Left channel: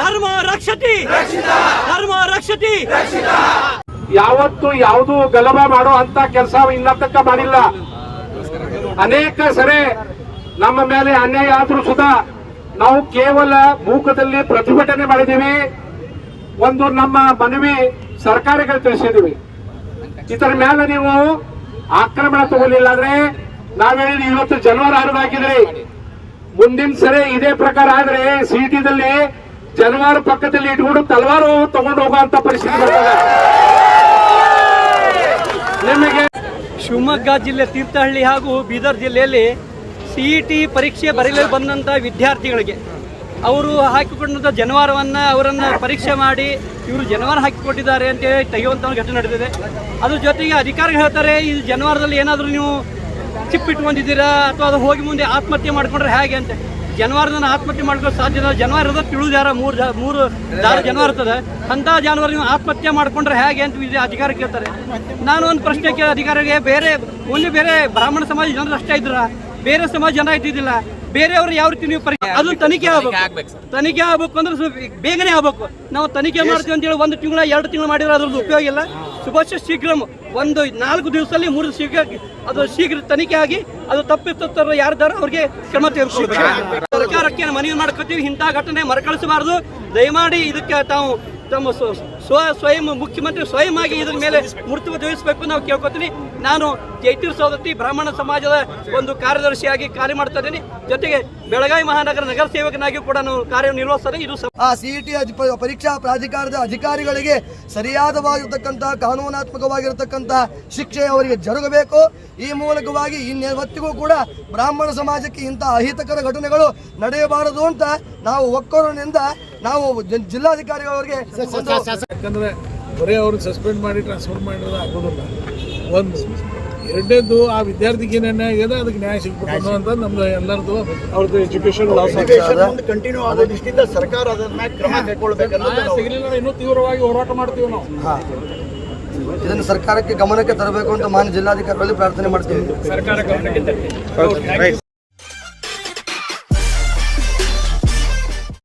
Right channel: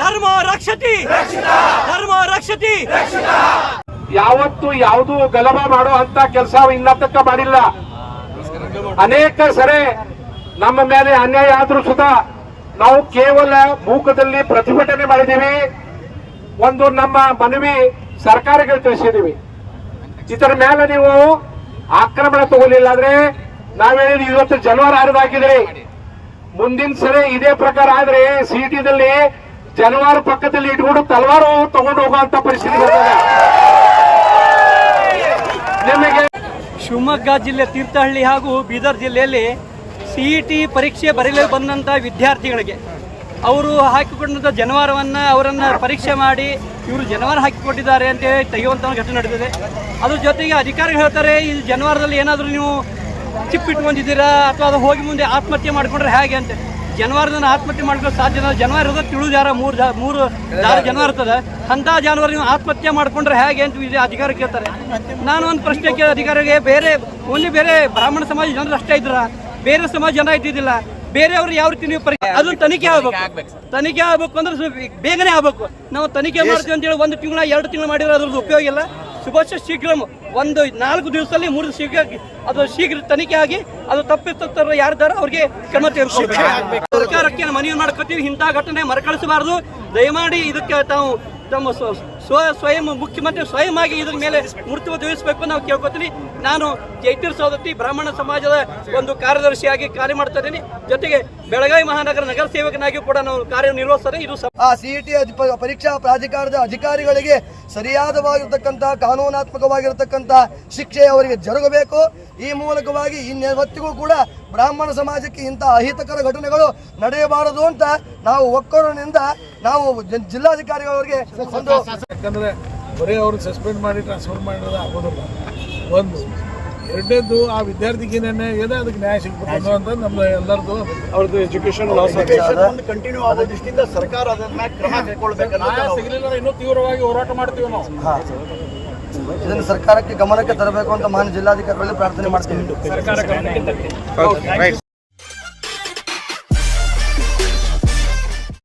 ಧರ್ಮ ರಕ್ಷತಿ ಧರ್ಮ ರಕ್ಷತಿ. ಯಾವತ್ತು ಯಾವುದು ಗಲಭೆ ಮಾಡೋ ಅಂತ ಕೆಲಸ ಇನ್ನತಕ್ಕ ಮಾಡಿಲ್ಲ. ಅನೇಕ ಸರಿ ನಮ್ಮ ಮೇಲೆ ಅನ್ಯಾಯ ಆದ್ರೂ ಸುಧಾ ನಾವು ಕೇವಲ ಮೂಕದಲ್ಲಿ ಪ್ರತಿಭಟನೆ ಮಾಡಿದೀವಿ. ಒಂದು ನಮ್ಮ ಮನವಿ ಸರ್ಕಾರಗಳು ತಿಳಿಸಿದೀವಿ. ಇದರ ಮೇಲೆ ನೀವು ಆಕ್ರಮಣ ತಗೊಳ್ಳಿಲ್ಲ ಅಂದ್ರೆ ನಾವ್ ಹೇಳಿದ್ವಿ ಇವತ್ತು ಜನವರ 6 ಹಾಕಿದ್ರಿ. ಮುಂದಿನ ಸರಿ ಇದೇ ಪ್ರಕಾರ ಆದ್ರೆ ಸಿಟಿದಲ್ಲಿ ಜನವಾರ ಪಕ್ಕದಲ್ಲಿ ಇಟ್ಕೊಂಡು ತಲವಾರು ತಗೊಂಡು ಹೋಗುವಂತ ಪರಿಸ್ಥಿತಿ ಬರ್ತದೆ. ನಿಮಗೆ ಶಿವಮೊಗ್ಗ ಜಿಲ್ಲೆ ತೀರ್ಥಹಳ್ಳಿ ಹಾಗೂ ಬೀದರ್ ಜಿಲ್ಲೆಯಲ್ಲಿ ಸಿಇಟಿ ಪರೀಕ್ಷೆ ಬರೆಯಲು ಬಂದಂಥ ವಿದ್ಯಾರ್ಥಿಗಳಿಗೆ ಅವರು ಹಾಕಿಕೊಂಡಂಥ ಜನವಾರವನ್ನು ಅವರನ್ನು ಪರೀಕ್ಷೆ ಮಾಡಿ ಇವರು ಜನವಾರ ಹಾಕಿಕೊಟ್ಟಿದ್ದಾರೆ ಅಂತೇಳಿ ತೆಗೆಯುವಂಥ ಘಟನೆ ನಡೆದಿದೆ. ಅದ್ರ ಜೊತೆಗೆ ಅಧಿಕಾರಿಗಳು ಹೇಳ್ತಾರೆ ಈ ಜನವಾರದಲ್ಲಿ ಏನಾದರೂ ನೀವು ಚಿಪ್ ಇಟ್ಕೊಂಡಿದ್ದೀರಾ ಅಥವಾ ಅದು ಹೋಗಿ ಮುಂದೆ ಆತ್ಮಹತ್ಯೆ ಮಾಡ್ಕೊಂಡ್ರೆ ಹೇಗೆ ಅಂತ. ಜನವಾರದನ್ನು ಆತ್ಮಹತ್ಯೆ ಮಾಡ್ಕೊಳ್ಳೋ ಸಾಧ್ಯ ಇಲ್ಲ. ಜನವಾರ ಇರೋದು ತಿಳಿದಾರ ಮೂರು ಜನವಾರ ಇರ್ತದೆ. ಅಂಥ ಜಾನುವಾರು ನೀವು ಆತ್ಮಹತ್ಯೆ ಮಾಡ್ಕೊಂಡ್ರೆ ಹೇಗೆ ಅಂತ ಅಧಿಕಾರಿ ಕೇಳ್ತಾರೆ. ನಾನು ಒಂದು ಪ್ರಶ್ನೆ ಕೇಳಿ ಅಧಿಕಾರಿಗೆ, ಬೇರೆ ಬ್ರಾಹ್ಮಣ ಸಮಾಜ ಜನರು ಅಷ್ಟೇ ಇದ್ರ, ಬೇರೆ ಸಮಾಜ ಜನ ಇದ್ದಿದ್ದಿಲ್ಲ. ಬೇರೆಯವರು ಯಾವ ರೀತಿ ನೀವು ಅದನ್ನ ತನಿಖೆ ಆಗ್ಬೇಕು ಅಂದ್ರೆ ಬೇಗನೆ ಆಗ್ಬೇಕು. ನಾವು ತನಿಖೆ ಮಾಡ್ತೀವಿ ಅಂತ ಹೇಳಿ 1 ತಿಂಗಳ 2 ತಿಂಗಳು ಮಾಡಿದ್ರೆ ಅದ್ರದ್ದು ಉಪಯೋಗ ಇಲ್ಲ. ಶುಭಾಶಯ ಶೀಘ್ರ 4 ದಿವಸದಲ್ಲಿ 3 ಶೀಘ್ರ ತನಿಖೆ ಆಗಿ ಅದು ತಪ್ಪಿಸ್ತಾರ ಯಾರಿದ್ದಾರ ಅವ್ರಿಗೆ ಕ್ರಮ ತೆಗೆದುಕೊಳ್ಬೇಕು. ಸರ್ಕಾರಕ್ಕೆ ಮನವಿ ಮಾಡ್ಕೊತೀವಿ, ಇಂಥ ಘಟನೆ ಮರುಕಳಿಸಬಾರದು. ದಯಮಾಡಿ ಇದಕ್ಕೆ ತಾವು ತಮ್ಮ ಸ್ವಯಂ ಮುಖ್ಯಮಂತ್ರಿ ಸ್ವಯಂ ಆಗಿ ಇದ್ರ ಮೇಲೆ ಮೃತ್ಯು ವಹಿಸಬೇಕು ನಾವು ಕೇಳ್ಕೊತೀನಿ. ನಾನು ಜೈತೀರ್ ಸವದತ್ತಿ ಬ್ರಾಹ್ಮಣ ಸಮಾಜದ ಒಂದು ಕಾರ್ಯದರ್ಶಿಯಾಗಿ ಕಾರ್ಯ ಮಾಡ್ತಾ ಇದ್ದೀನಿ. ಜೊತೆಗೆ ಬೆಳಗಾವಿ ಮಹಾನಗರ ನಗರ ಸೇವಕನಾಗಿ ಕೂಡ ನಾವು ಕಾರ್ಯನಿರ್ವಹಿಸ್ತೇನೆ. ಇದು ಸಿಇಟಿ ಪರೀಕ್ಷಾ ಪ್ರಾಧಿಕಾರದ ಅಧಿಕಾರಿಗಳಿಗೆ ಸರಿಯಾದವಾಗಿರ್ತಕ್ಕಂಥ ಕಾನೂನಾತ್ಮಕವಾಗಿರತಕ್ಕಂಥ ಶಿಕ್ಷೆ ಅವರಿಗೆ ಜರುಗಬೇಕು. ಈ ಮೂಲಕವಾಗಿ ಇನ್ನೆವತ್ತಿಗೂ ಕೂಡ ಬ್ರಾಹ್ಮಣ ಸಮಾಜಕ್ಕೆ ಇಂಥ ಅಹಿತಕರ ಘಟನೆಗಳು ನಡೆಯಬಾರದು ಅಂತ ನಾವು ಒಕ್ಕೊರನಿಂದ ನಾವು ಜಿಲ್ಲಾಧಿಕಾರಿಗಳವರಿಗೆ. ಯಾಕಂದ್ರೆ ಬರೀ ಅವ್ರನ್ನ ಸಸ್ಪೆಂಡ್ ಮಾಡಿ ಟ್ರಾನ್ಸ್ಫರ್ ಮಾಡಿರೋದು ಆಗೋದಿಲ್ಲ. ಒಂದು ಎರಡನೇದು ಆ ವಿದ್ಯಾರ್ಥಿಗೆ ಏನೇನು ಆಗಿದೆ ಅದಕ್ಕೆ ನ್ಯಾಯ ಸಿಗಬೇಕು ಅನ್ನುವಂಥ ನಮ್ದು ಎಲ್ಲರದು ಅವ್ರದ್ದು ಎಜುಕೇಶನ್ ಕಂಟಿನ್ಯೂ ಆಗೋ ದೃಷ್ಟಿಯಿಂದ ಸರ್ಕಾರ ಅದರ ಮೇಲೆ ಕ್ರಮ ಕೈಗೊಳ್ಳಬೇಕನ್ನೋದು ಸಿಗಲಿಲ್ಲ ಇನ್ನೂ ತೀವ್ರವಾಗಿ ಹೋರಾಟ ಮಾಡ್ತೀವಿ ನಾವು. ಇದನ್ನು ಸರ್ಕಾರಕ್ಕೆ ಗಮನಕ್ಕೆ ತರಬೇಕು ಅಂತ ಮಾನ್ಯ ಜಿಲ್ಲಾಧಿಕಾರಿಗಳಲ್ಲಿ ಪ್ರಾರ್ಥನೆ ಮಾಡ್ತೀವಿ. ಸರ್ಕಾರ ಗಮನಕ್ಕೆ